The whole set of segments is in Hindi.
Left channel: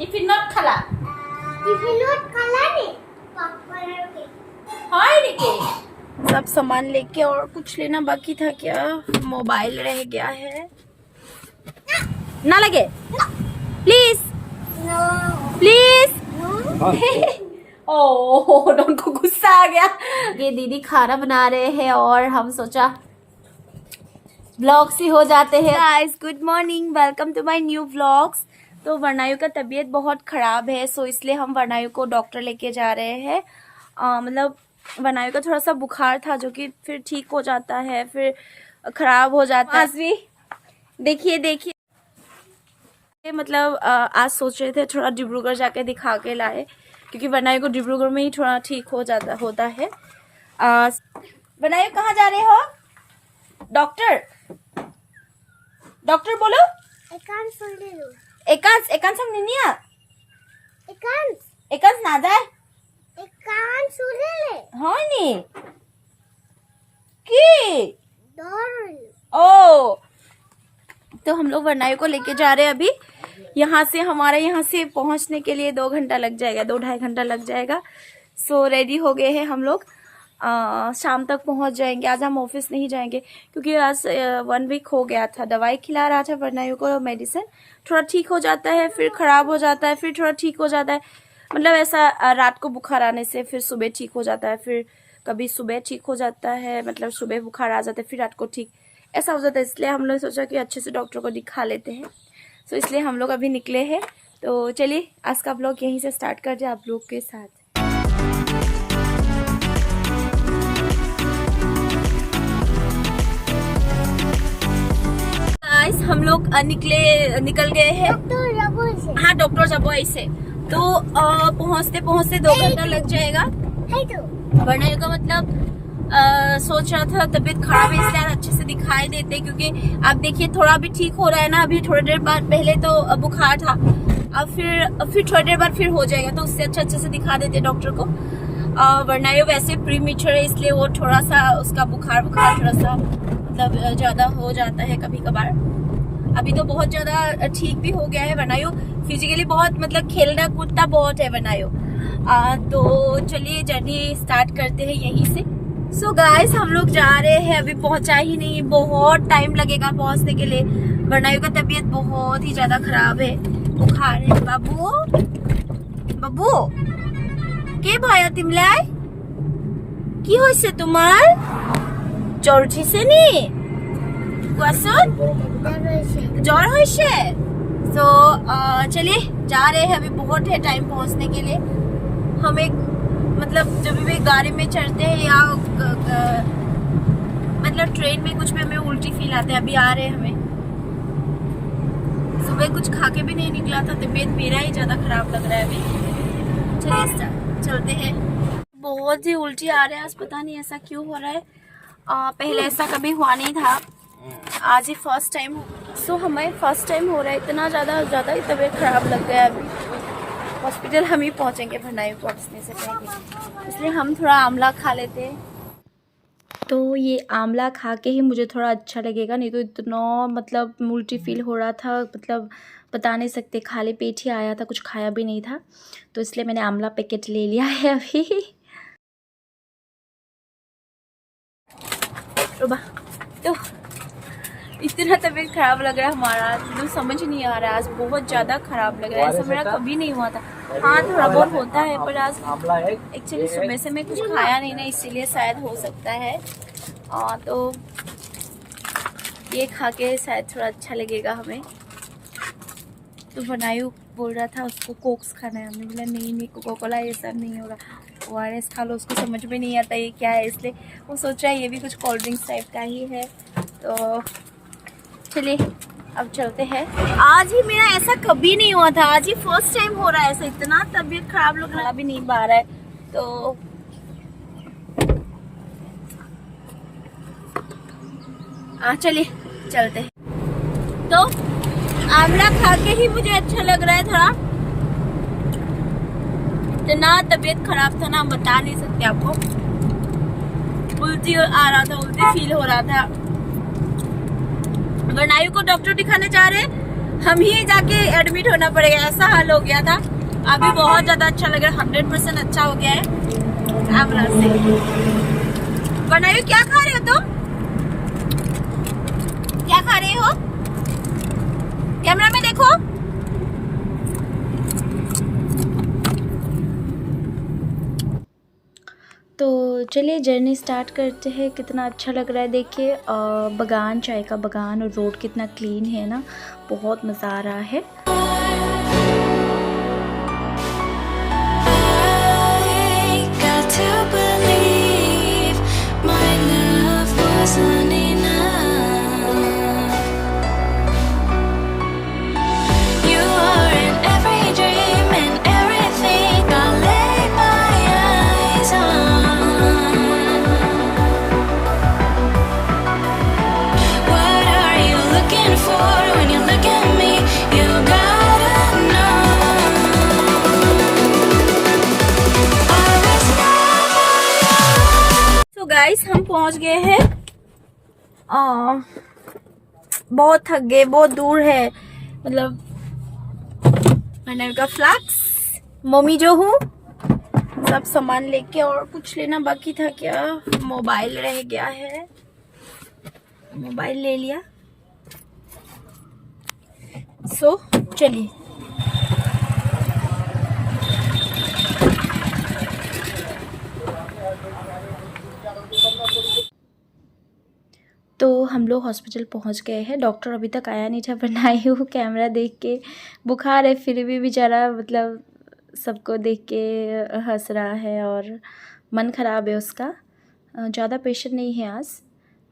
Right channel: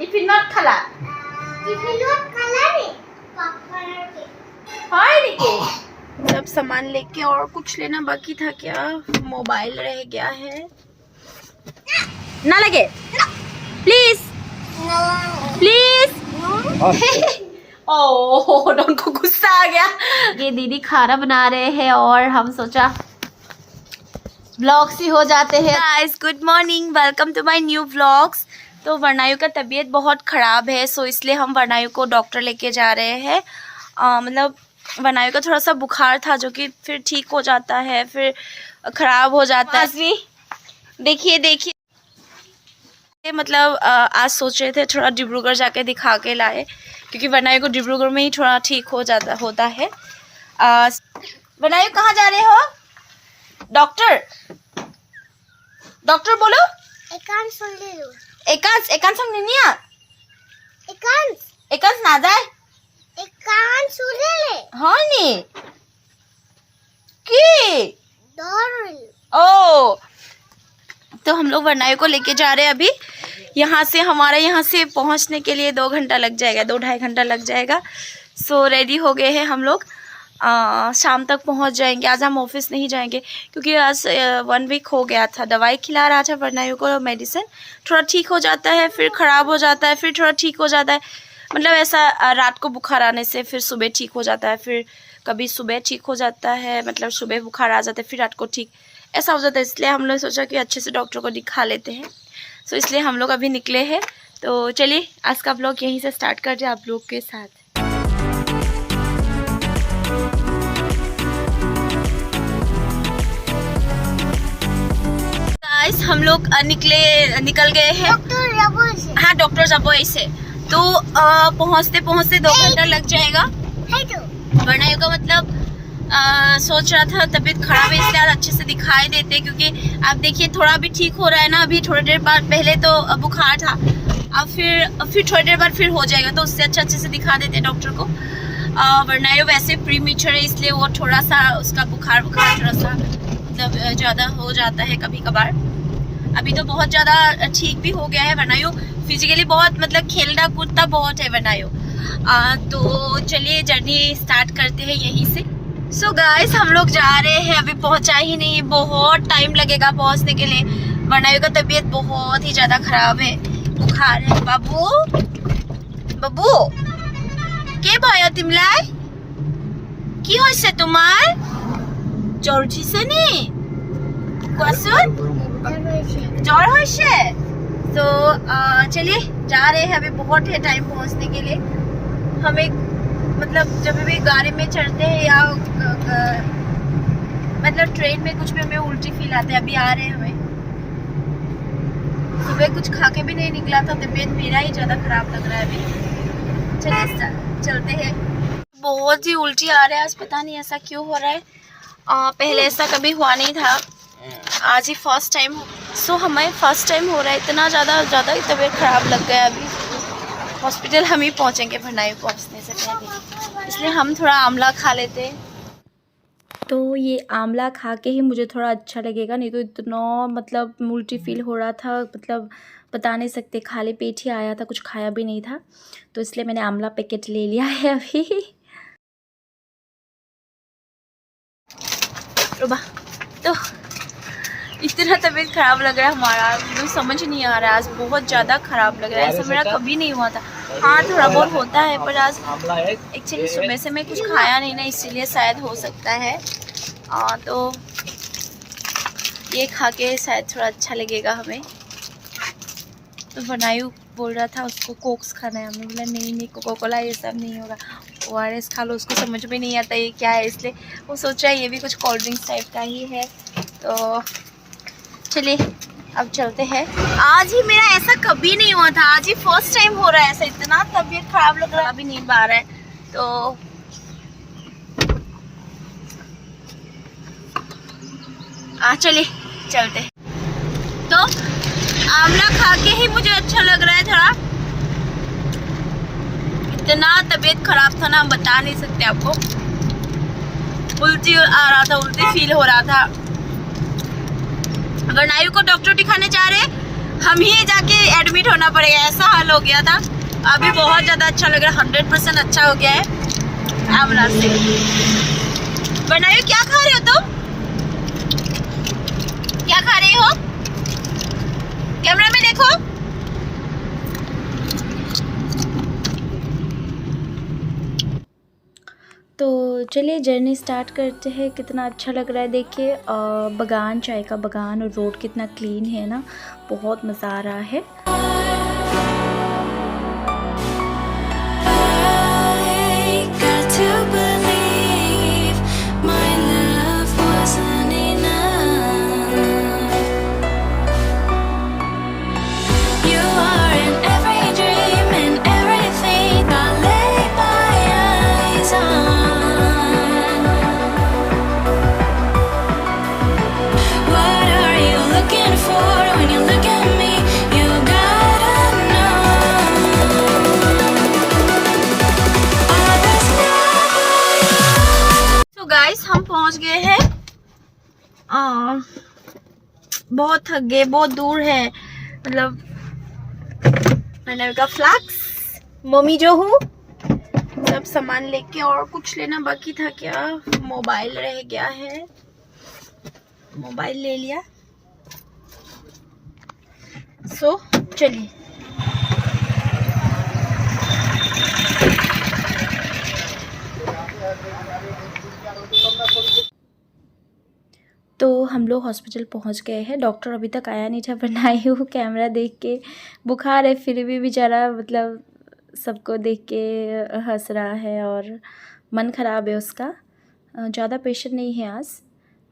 টিফিনত খালা सब सामान लेके और कुछ लेना बाकी था क्या? मोबाइल रह गया है। ना लगे प्लीज प्लीज। ओह डॉन को गुस्सा आ गया। ये दीदी खाना बना रहे हैं और हम सोचा व्लॉग्स ही हो जाते हैं। Guys good morning, welcome to my new vlogs. तो वर्णायु का तबीयत बहुत ख़राब है, सो इसलिए हम वर्णायु को डॉक्टर लेके जा रहे हैं। मतलब वर्णायु का थोड़ा सा बुखार था जो कि फिर ठीक हो जाता है, फिर ख़राब हो जाता है। देखिए देखिए, मतलब आज सोच रहे थे थोड़ा डिब्रूगढ़ जाके दिखा के लाए, क्योंकि वर्णायु को डिब्रूगढ़ में ही थोड़ा ठीक हो जाता होता है। वर्णायु कहाँ जा रहे हो? डॉक्टर डॉक्टर बोलो। एकांश एकांश संग निनिया एकांश ना जाए हाँ नी की ओ। तो हम लोग वर्णायु को लेके जा रहे हैं अभी। यहाँ से हमारे यहाँ से पहुँचने के लिए 2 घंटा लग जाएगा, 2-2.5 घंटा लग जाएगा। सो रेडी हो गए हैं हम लोग, शाम तक पहुँच जाएंगे। आज हम ऑफिस नहीं जाएंगे क्योंकि आज 1 वीक हो गया था। दवाई खिला रहा था वर्णायु को, मेडिसिन थोड़ा ठीक हो जाता है, फिर ख़राब हो जाता है, फिर थोड़ा ठीक हो जाता है। मतलब ऐसा रात को बुखार आने से फिर सुबह ठीक हो जाता है, फिर कभी सुबह ठीक हो जाता है, मतलब सुबह बुखार आ जाता है फिर रात को ठीक, ऐसा हो जाता है। इसलिए हम लोग सोचा कि अच्छे से डॉक्टर को दिखा लेते हैं। सो इसलिए हम लोग अभी निकले हैं। तो चलिए आज का ब्लॉग यहीं से स्टार्ट कर दिया आप लोग के साथ। गाइस हम लोग निकल गए हैं। हाँ डॉक्टर जबोई से। तो पहुँचते पहुँचते 2 घंटा लग जाएगा। वर्णायु का मतलब सोच रहा था तबीयत खराब है इसलिए आज अच्छे से दिखाई देते, क्योंकि आप देखिए थोड़ा भी ठीक हो रहा है ना। अभी थोड़ी देर बाद पहले तो बुखार था, अब फिर थोड़ी देर बाद फिर हो जाएगा, तो उससे अच्छे से दिखा देते डॉक्टर को। वर्णायु वैसे प्रीमेच्योर है इसलिए वो थोड़ा सा उसका बुखार थोड़ा सा मतलब ज़्यादा हो जाता है कभी कभार। अभी तो बहुत ज़्यादा ठीक भी हो गया है वर्णायु, फिजिकली बहुत मतलब खेलना कूदता बहुत है वर्णायु। तो चलिए जर्नी स्टार्ट करते हैं यहीं से। सो गाइस हम लोग जा रहे हैं, अभी पहुंचा ही नहीं, बहुत टाइम लगेगा पहुंचने के लिए। वर्णायु का तबीयत बहुत ही ज़्यादा ख़राब है, बुखार है। बाबू बाबू के भय तिमलाई কি হৈছে তোমাৰ? জ্বৰ উঠিছে নি? কোৱাচোন জ্বৰ হৈছে? तो चलिए जा रहे हैं, अभी बहुत है टाइम पहुंचने के लिए। हमें मतलब जब भी गाड़ी में चढ़ते हैं या मतलब ट्रेन में कुछ में हमें उल्टी फील आते हैं। अभी आ रहे हैं हमें, सुबह कुछ खा के भी नहीं निकला था, तबीयत मेरा ही ज़्यादा ख़राब लग रहा है अभी। चलिए चलते हैं। बहुत ही उल्टी आ रहा है आज, पता नहीं ऐसा क्यों हो रहा है। पहले ऐसा कभी हुआ नहीं था, आज ही फर्स्ट टाइम। सो हमें फर्स्ट टाइम हो रहा है, इतना ज़्यादा ही तबीयत ख़राब लग गया। अभी हॉस्पिटल हम ही पहुँचेंगे वर्णायु पहुँचने से पहले, इसलिए हम थोड़ा आंवला खा लेते हैं। तो ये आंवला खा के ही मुझे थोड़ा अच्छा लगेगा, नहीं तो इतना मतलब उल्टी फील हो रहा था, मतलब बता नहीं सकते। खाली पेट ही आया था, कुछ खाया भी नहीं था, तो इसलिए मैंने आंवला पैकेट ले लिया है अभी। तो इतना तबीयत ख़राब लग रहा है हमारा, तो समझ नहीं आ रहा है। आज बहुत ज़्यादा ख़राब लग रहा है, ऐसा मेरा कभी नहीं हुआ था। हाँ थोड़ा बहुत होता है, पर आज एक्चुअली सुबह से मैं कुछ खाया नहीं ना, इसीलिए शायद हो सकता है। तो ये खा के शायद थोड़ा अच्छा लगेगा हमें। तो वर्णायु बोल रहा था उसको कोक्स खाना है, हमने बोला नहीं कोका कोला ये सब नहीं होगा, ORS खा लो। उसको समझ में नहीं आता ये क्या है, इसलिए वो सोच रहा है ये भी कुछ कोल्ड ड्रिंक्स टाइप का ही है। तो चलिए अब चलते हैं। आज ही मेरा ऐसा कभी नहीं हुआ था, आज ही फर्स्ट टाइम हो रहा है ऐसा। इतना तबीयत खराब लग रहा है, अभी नहीं पा रहा है। तो चलिए चलते हैं। तो आंवला खा के ही मुझे अच्छा लग रहा है थोड़ा। इतना तबीयत खराब था ना, हम बता नहीं सकते आपको। उल्टी आ रहा था, उल्टी फील हो रहा था। वर्णायु को डॉक्टर दिखाने जा रहे, हम ही जाके एडमिट होना पड़ेगा, ऐसा हाल हो गया था। अभी बहुत ज़्यादा अच्छा लग रहा है, 100% अच्छा हो गया है एम्बुलेंस से। बनायो क्या खा रहे हो तुम? क्या खा रहे हो? कैमरा में देखो। तो चलिए जर्नी स्टार्ट करते हैं। कितना अच्छा लग रहा है देखिए, बागान, चाय का बागान, और रोड कितना क्लीन है ना, बहुत मज़ा आ रहा है। गाइस हम पहुंच गए हैं, बहुत थक गए, बहुत दूर है, मतलब मैंने का फ्लैक्स, मम्मी जो हूँ, सब सामान लेके, और कुछ लेना बाकी था क्या, मोबाइल रह गया है, मोबाइल ले लिया। सो चलिए तो हम लोग हॉस्पिटल पहुंच गए हैं। डॉक्टर अभी तक आया नहीं था, बनाई हूँ कैमरा देख के, बुखार है फिर भी बेचारा मतलब सबको देख के हंस रहा है और मन ख़राब है उसका। ज़्यादा पेशेंट नहीं है आज,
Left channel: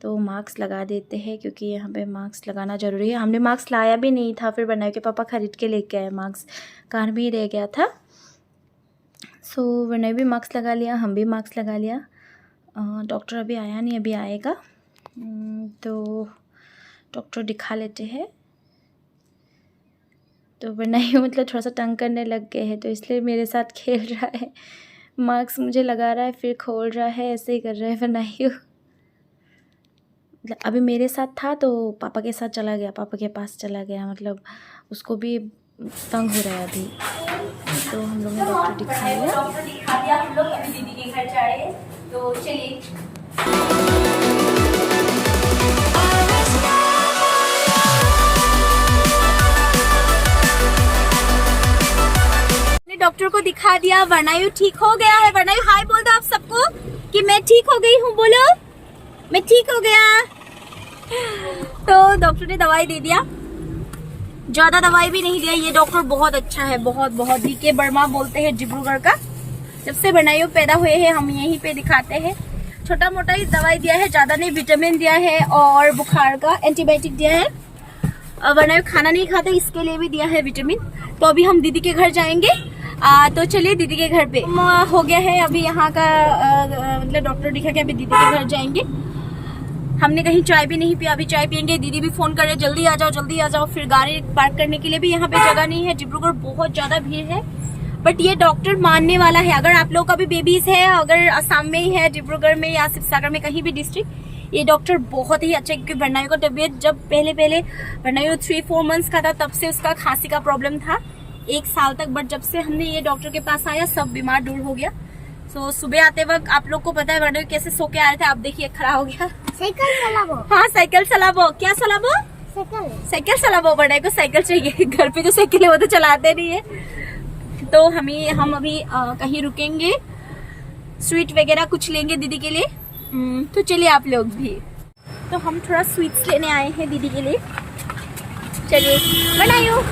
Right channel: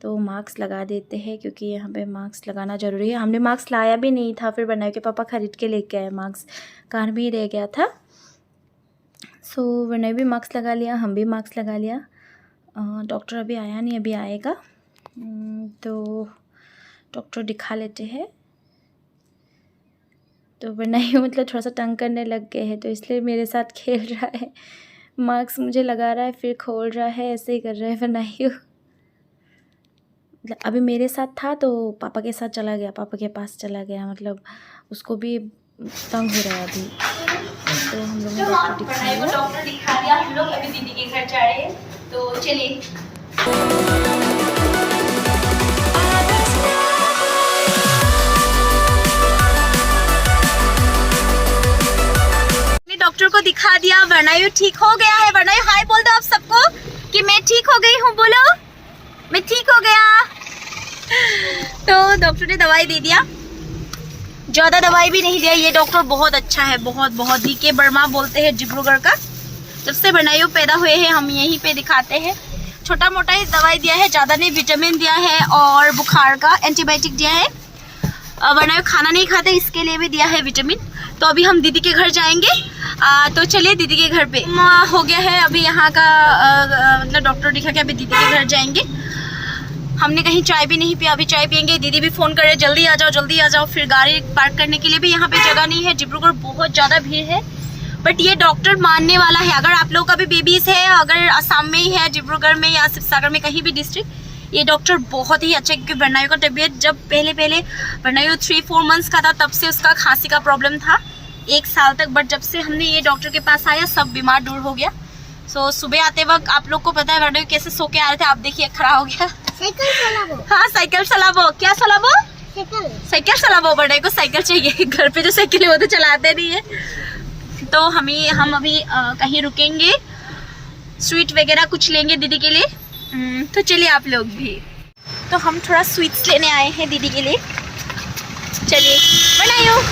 तो मास्क लगा देते हैं क्योंकि यहाँ पे मास्क लगाना ज़रूरी है। हमने मास्क लाया भी नहीं था, फिर बनाई के पापा ख़रीद के लेके आए, मास्क कार में ही रह गया था। सो बनाई भी मास्क लगा लिया, हम भी मास्क लगा लिया। डॉक्टर अभी आया नहीं, अभी आएगा तो डॉक्टर दिखा लेते हैं। तो बनाई मतलब थोड़ा सा तंग करने लग गए हैं, तो इसलिए मेरे साथ खेल रहा है, मास्क मुझे लगा रहा है फिर खोल रहा है, ऐसे ही कर रहा है बनाई। मतलब अभी मेरे साथ था तो पापा के साथ चला गया, पापा के पास चला गया, मतलब उसको भी तंग हो रहा है अभी। तो हम लोग ने डॉक्टर दिखा दिया, हम लोग अभी दीदी के घर जा रहे हैं, तो चलिए। डॉक्टर को दिखा दिया, वर्णायु ठीक हो गया है। वर्णायु हाय बोल दो आप सबको कि मैं ठीक हो गई हूँ, बोलो मैं ठीक हो गया। तो डॉक्टर ने दवाई दे दिया, ज़्यादा दवाई भी नहीं दिया। ये डॉक्टर बहुत अच्छा है, बहुत बहुत। DK वर्मा बोलते हैं, डिब्रूगढ़ का। जब से वर्णायु पैदा हुए हैं हम यहीं पे दिखाते हैं। छोटा मोटा ही दवाई दिया है, ज़्यादा नहीं। विटामिन दिया है और बुखार का एंटीबायोटिक दिया है। वर्णायु खाना नहीं खाते, इसके लिए भी दिया है विटामिन। तो अभी हम दीदी के घर जाएंगे, तो चलिए दीदी के घर पे हो गया है अभी यहाँ का, मतलब डॉक्टर दिखा के अभी दीदी के घर जाएंगे। हमने कहीं चाय भी नहीं पिया, अभी चाय पियेंगे। दीदी भी फ़ोन करे जल्दी आ जाओ जल्दी आ जाओ। फिर गाड़ी पार्क करने के लिए भी यहाँ पे जगह नहीं है, डिब्रूगढ़ बहुत ज़्यादा भीड़ है। बट ये डॉक्टर मानने वाला है। अगर आप लोग का भी बेबीज़ है, अगर असम में ही है, डिब्रूगढ़ में या शिवसागर में, कहीं भी डिस्ट्रिक्ट, ये डॉक्टर बहुत ही अच्छा है। क्योंकि वर्णायु का तबीयत जब पहले वर्णायु 3-4 मंथ्स का था, तब से उसका खांसी का प्रॉब्लम था 1 साल तक। बट जब से हमने ये डॉक्टर के पास आया, सब बीमार दूर हो गया। सो सुबह आते वक्त आप लोग को पता है वर्णायु कैसे सो के आ रहे थे, आप देखिए खड़ा हो गया। साइकिल चलाबो। हाँ साइकिल चलाबो। क्या चलाबो? साइकिल चलाबो। वर्णायु को साइकिल चाहिए, घर पे जो साइकिल है वो तो चलाते नहीं है। तो हम अभी कहीं रुकेंगे, स्वीट वगैरह कुछ लेंगे दीदी के लिए। तो चलिए आप लोग भी। तो हम थोड़ा स्वीट्स लेने आए हैं दीदी के लिए, चलिए। बनाइयो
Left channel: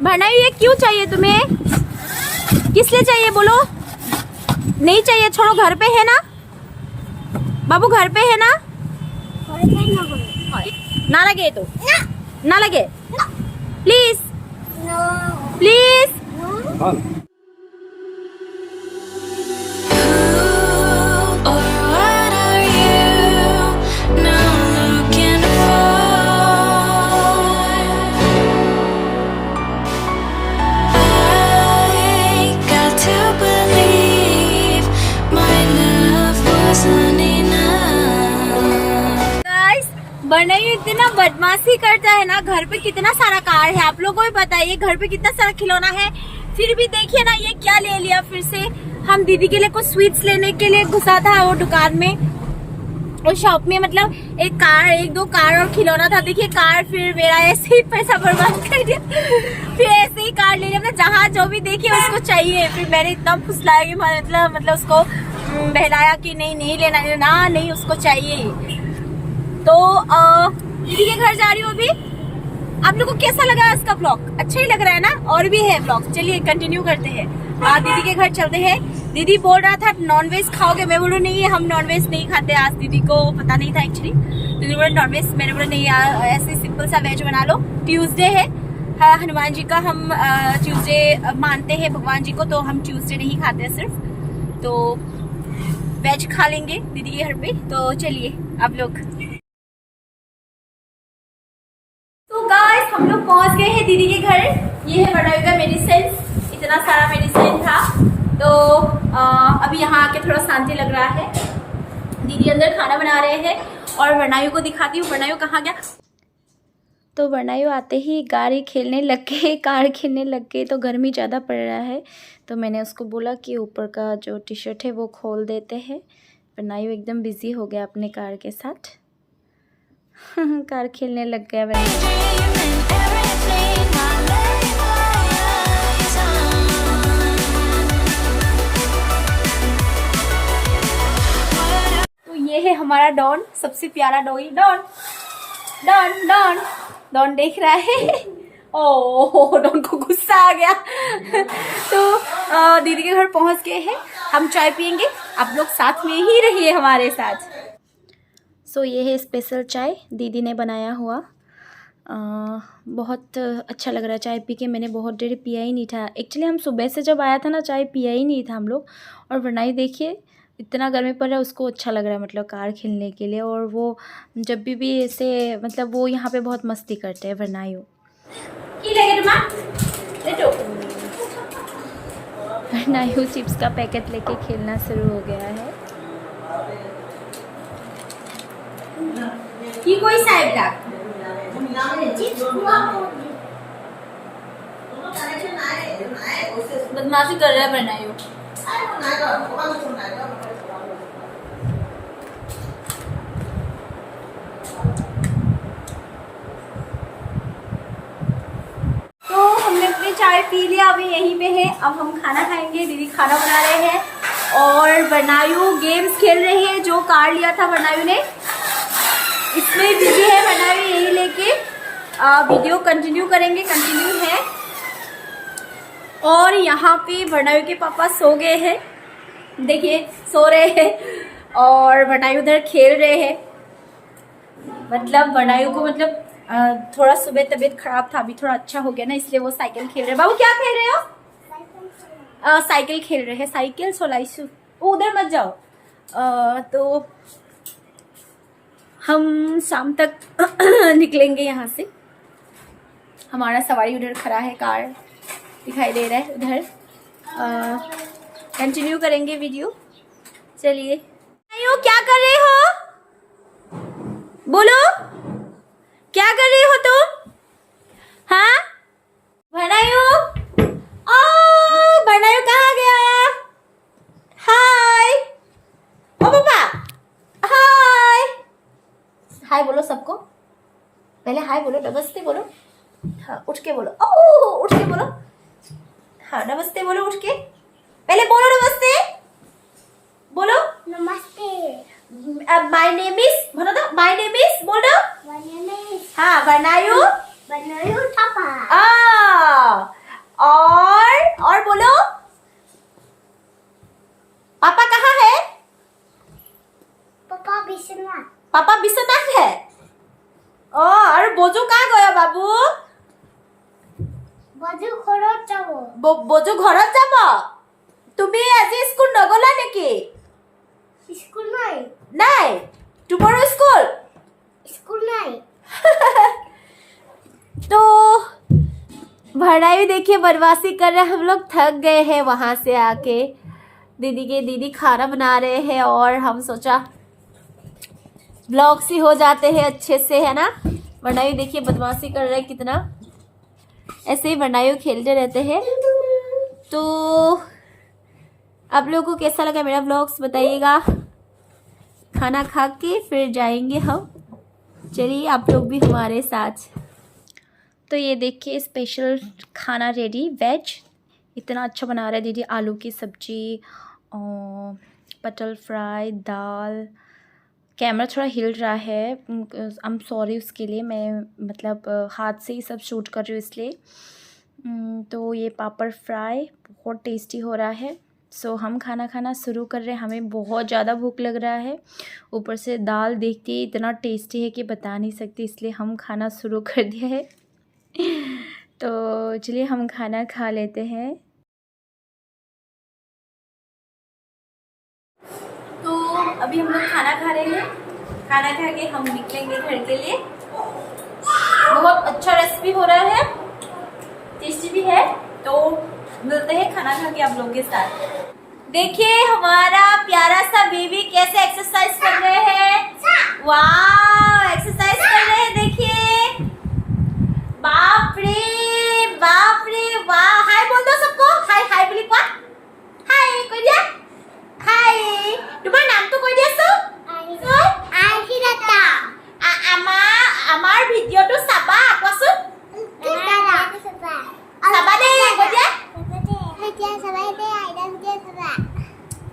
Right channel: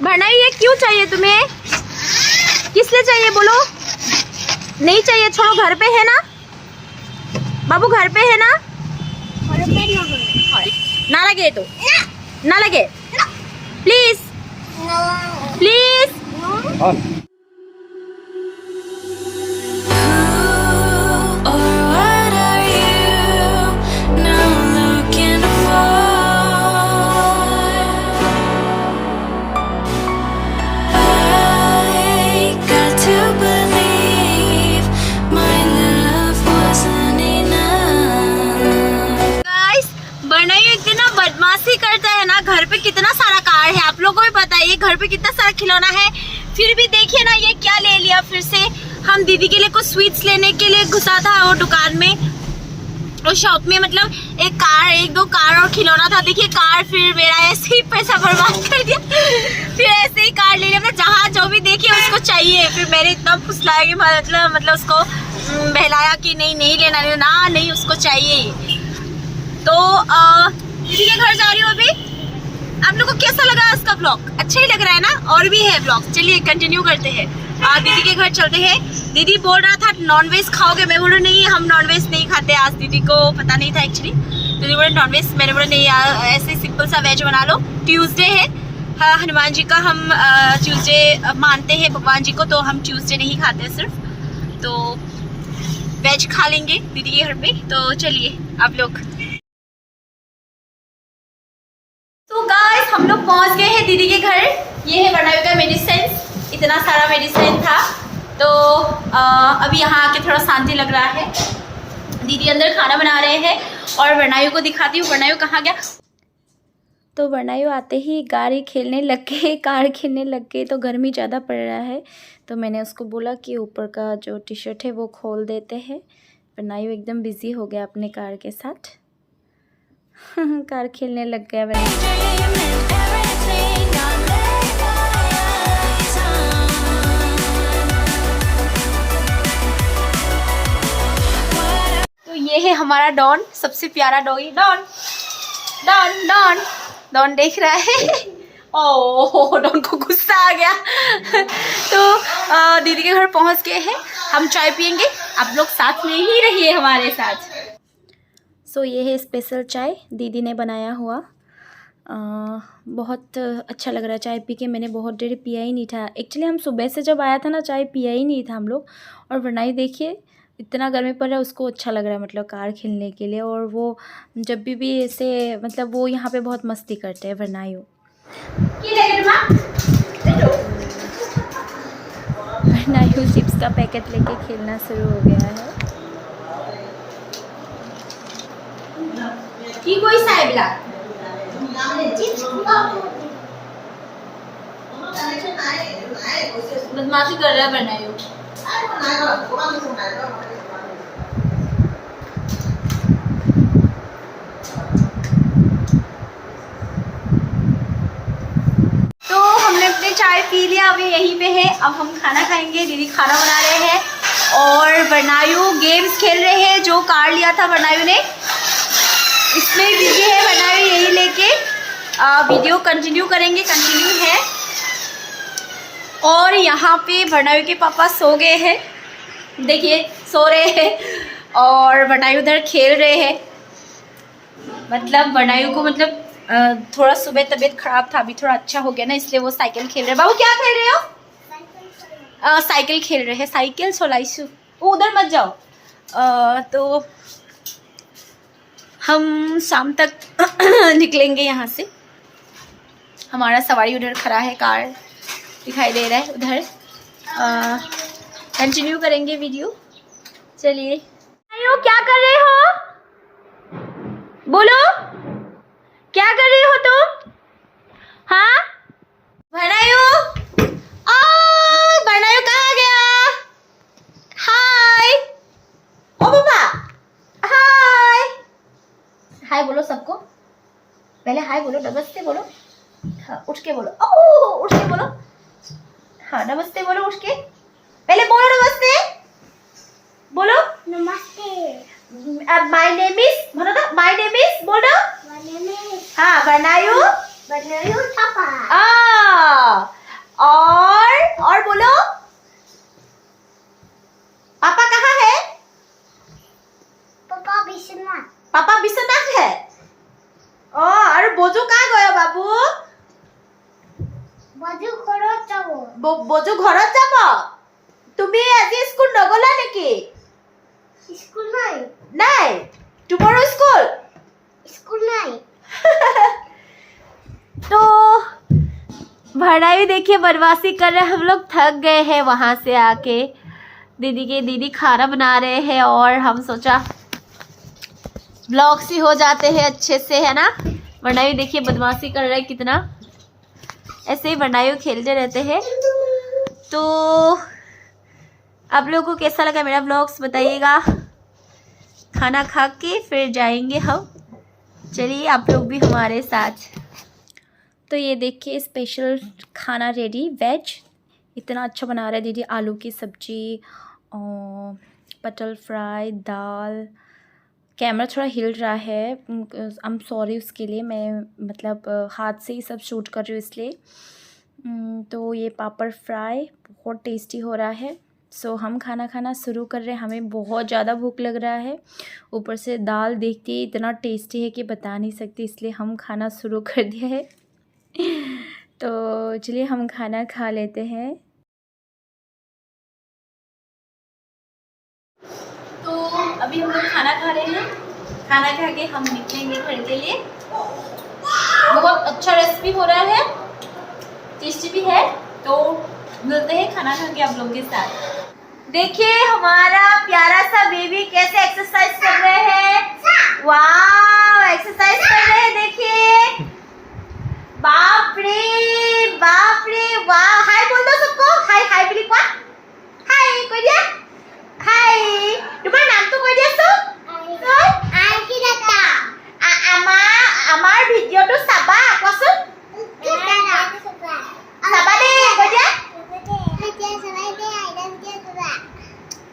बनाइए। ये क्यों चाहिए तुम्हें? किस लिए चाहिए बोलो? नहीं चाहिए, छोड़ो। घर पे है ना बाबू, घर पे है ना? ना लगे तो ना लगे, प्लीज प्लीज। कितना सारा कार है, आप लोगों को भी पता है ये घर पे कितना सारा खिलौना है। फिर भी देखिए ना ये क्या ले लिया फिर से। हम दीदी के लिए कुछ स्वीट्स लेने के लिए घुसा था वो दुकान में, उस शॉप में, मतलब एक दो कार और खिलौना था। देखिए कार, फिर मेरा ऐसे ही पैसा बर्बाद कर दिया। फिर ऐसे ही कार ले लिया, मतलब जहाँ जो भी देखिए उसको चाहिए। फिर मैंने इतना फुसलाया कि मतलब उसको बहलाया कि नहीं लेना, नहीं उसको चाहिए ही। तो दीदी के घर जा रही हूँ अभी। आप लोग को कैसा लगा इसका ब्लॉग? अच्छा ही लग रहा है ना? और भी है ब्लॉग, चलिए कंटिन्यू करते हैं। दीदी के घर चलते हैं। दीदी बोल रहा था नॉनवेज खाओगे, मैं बोलूँ नहीं हम नॉनवेज नहीं खाते। आज दीदी को पता नहीं था एक्चुअली, दीदी बोले नॉनवेज, मैंने बोला नहीं ऐसे सिंपल सा वेज बना लो। ट्यूसडे है, हाँ हनुमान जी का हम ट्यूसडे मानते हैं भगवान जी को, तो हम ट्यूसडे नहीं खाते सिर्फ, तो वेज खा लेंगे दीदी के घर पे। तो चलिए आप लोग। तो गाइस हम लोग पहुंच गए हैं दीदी के घर। ये है वर्णायु का मेडिसिन, इतना सारा मेडिसिन था। तो अभी यहाँ आके थोड़ा शांति लग रहा है। दीदी अंदर खाना बना रहे हैं और वर्णायु को दिखाती हूँ। वर्णायु कहाँ गया? तो वर्णायु आते ही कार खेलने लग गए, तो गर्मी ज़्यादा पड़ रहा है, तो मैंने उसको बोला कि ऊपर का जो टी शर्ट है वो खोल देते हैं। वर्णायु एकदम बिजी हो गया अपने कार के साथ। कार खेलने लग गया वर्णायु। तो ये है हमारा डॉन, सबसे प्यारा doggy. Don Don Don Don देख रहा है। ओह डॉन को गुस्सा आ गया। तो दीदी के घर पहुंच गए हैं, हम चाय पियेंगे, आप लोग साथ में ही रहिए हमारे साथ। सो ये है स्पेशल चाय दीदी ने बनाया हुआ। बहुत अच्छा लग रहा है चाय पी के। मैंने बहुत देर पिया ही नहीं था एक्चुअली, हम सुबह से जब आया था ना चाय पिया ही नहीं था हम लोग। और वर्णायु देखिए इतना गर्मी पड़ रहा है, उसको अच्छा लग रहा है मतलब कार खेलने के लिए। और वो जब भी ऐसे मतलब वो यहाँ पे बहुत मस्ती करते हैं वर्णायु। वर्णायु चिप्स का पैकेट लेके खेलना शुरू हो गया है। কি কইছা এইবিলাক? बदमाशी कर रहा है वर्णायु। तो हमने अपनी चाय पी लिया, अभी यहीं पे है। अब हम खाना खाएंगे, दीदी खाना बना रहे हैं और वर्णायु गेम्स खेल रहे हैं। जो कार लिया था वर्णायु ने, इसमें दीदी है वर्णायु यही लेके वीडियो कंटिन्यू करेंगे, कंटिन्यू है। और यहाँ पे वर्णायु के पापा सो गए हैं, देखिए सो रहे हैं और वर्णायु उधर खेल रहे हैं। मतलब वर्णायु को मतलब थोड़ा सुबह तबीयत खराब था, अभी थोड़ा अच्छा हो गया ना, इसलिए वो साइकिल खेल रहे हैं। बाबू क्या खेल रहे हो? साइकिल खेल रहे हैं, साइकिल सोलाइसु। उधर मत जाओ। तो हम शाम तक निकलेंगे यहाँ से। हमारा सवारी उधर खड़ा है, कार दिखाई दे रहा है उधर। कंटिन्यू करेंगे वीडियो, चलिए। क्या कर रहे हो? बोलो क्या कर रही हो तुम? हाँ वर्णायु, वर्णायु कहाँ गया? हाय ओ पापा, हाय हाय बोलो सबको। पहले हाय बोलो, नमस्ते बोलो। हाँ उठ के बोलो, ओह उठ के बोलो। हाँ नमस्ते बोलो उठ के, पहले बोलो नमस्ते, बोलो नमस्ते। माय नेम इज, बोलो ना माय नेम इज, बोलो हाँ वर्णायु, वर्णायु पापा। और बोलो पापा कहाँ है? पापा बिस्वनाथ, पापा बिस्वनाथ है। और बोजू कहाँ गया बाबू? बोजू घरत जाबो। बोजू घरत जाबो? তুমি আজি স্কুল নগলা নেকি? স্কুল নাই। নাই টুমरो स्कूल? स्कूल নাই। तो वर्णायु देखिए बदमाशी कर रहे हैं, हम लोग थक गए हैं वहाँ से आके। दीदी खाना बना रहे हैं और हम सोचा ब्लॉग सी हो जाते हैं अच्छे से, है ना। वर्णायु देखिए बदमाशी कर रहा है कितना, ऐसे ही वर्णायु खेलते रहते हैं। तो आप लोगों को कैसा लगा मेरा व्लॉग्स बताइएगा। खाना खा के फिर जाएंगे हम, चलिए आप लोग भी हमारे साथ। तो ये देखिए स्पेशल खाना रेडी, वेज इतना अच्छा बना रहा है दीदी। आलू की सब्जी, पटल फ्राई, दाल। कैमरा थोड़ा हिल रहा है, आई एम सॉरी उसके लिए। मैं मतलब हाथ से ही सब शूट कर रही हूँ इसलिए। तो ये पापड़ फ्राई बहुत टेस्टी हो रहा है। सो हम खाना खाना शुरू कर रहे हैं, हमें बहुत ज़्यादा भूख लग रहा है। ऊपर से दाल देखते ही इतना टेस्टी है कि बता नहीं सकती, इसलिए हम खाना शुरू कर दिया है। तो चलिए हम खाना खा लेते हैं। तो अभी हम लोग खाना खा रहे हैं, खाना खा के हम निकलेंगे घर के लिए। बहुत अच्छा रेसिपी हो रहा है, टेस्टी भी है। तो मिलते हैं खाना खा के आप लोगों के साथ। देखिए हमारा प्यारा सा बेबी कैसे एक्सरसाइज कर रहे हैं। वाह एक्सरसाइज कर रहे हैं देखिए, बाप रे वाह। हाय बोल दो सबको, हाय हाय बिली पा, हाय कोई दिया, हाय तुम्हारा नाम तो कोई दिया सो आइकिराता আমার ভিডিওটো চাবা কোৱাচোন। চাবা দেই কৈ দিয়া,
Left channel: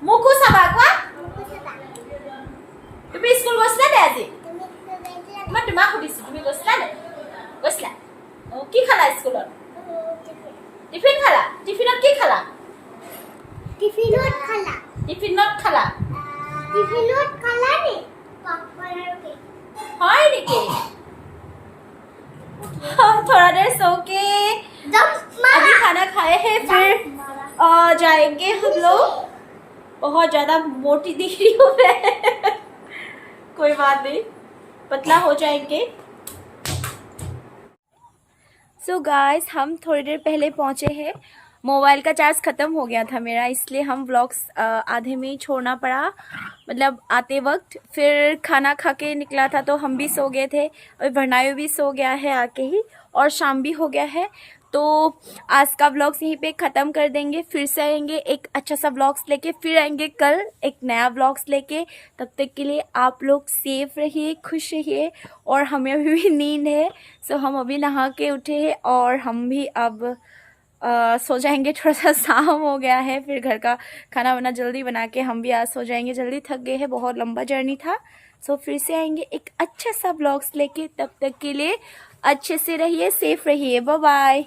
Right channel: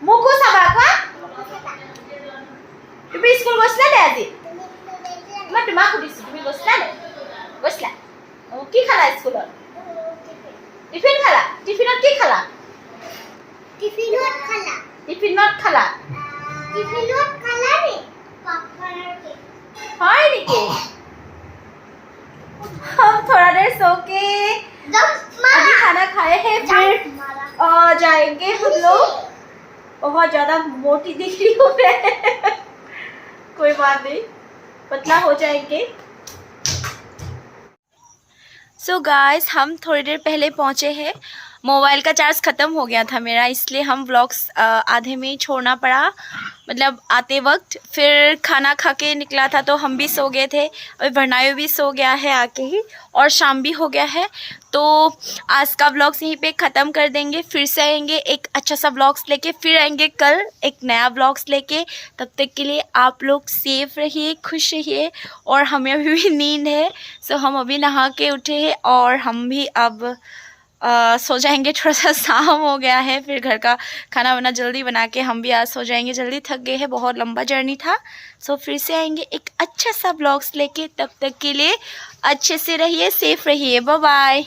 মোকো চাবা কোৱা। তুমি স্কুল গৈছিলা নে আজি? মই তোমাক সুধিছো তুমি গৈছিলা নে? গৈছিলা। কি খালা স্কুলত? টিফিন খালা? টিফিনত কি খালা? টিফিনত খালা নি पॉपकॉर्न और केक। हाय निके हम थोड़ा देर सो के अभी खाना खाए हैं, फिर जाएंगे हम लोग। बहुत ज़्यादा मोटी दिख रही हूँ मैं। कोई बात नहीं, पतला हो जाएंगे। सो गाइस हम थोड़ी देर पहले पहुँचे हैं। मोबाइल का चार्ज ख़त्म हो गया था मेरा, इसलिए हम व्लॉग्स आधे में ही छोड़ना पड़ा, मतलब आते वक्त। फिर खाना खा के निकला था तो हम भी सो गए थे, और वर्णायु भी सो गया है आके ही, और शाम भी हो गया है। तो आज का व्लॉग्स यहीं पे ख़त्म कर देंगे। फिर से आएंगे एक अच्छा सा व्लॉग्स लेके, फिर आएंगे कल एक नया व्लॉग्स लेके। तब तक के लिए आप लोग सेफ रहिए, खुश रहिए। और हमें अभी भी नींद है, सो हम अभी नहा के उठे हैं और हम भी अब सो जाएंगे। थोड़ा सा शाम हो गया है, फिर घर का खाना वाना जल्दी बना के हम भी आज सो जाएंगे। जल्दी थक गए हैं, बहुत लंबा जर्नी था। सो फिर से आएंगे एक अच्छा सा ब्लॉग्स लेके। तब तक के लिए अच्छे से रहिए, सेफ रहिए। Bye bye.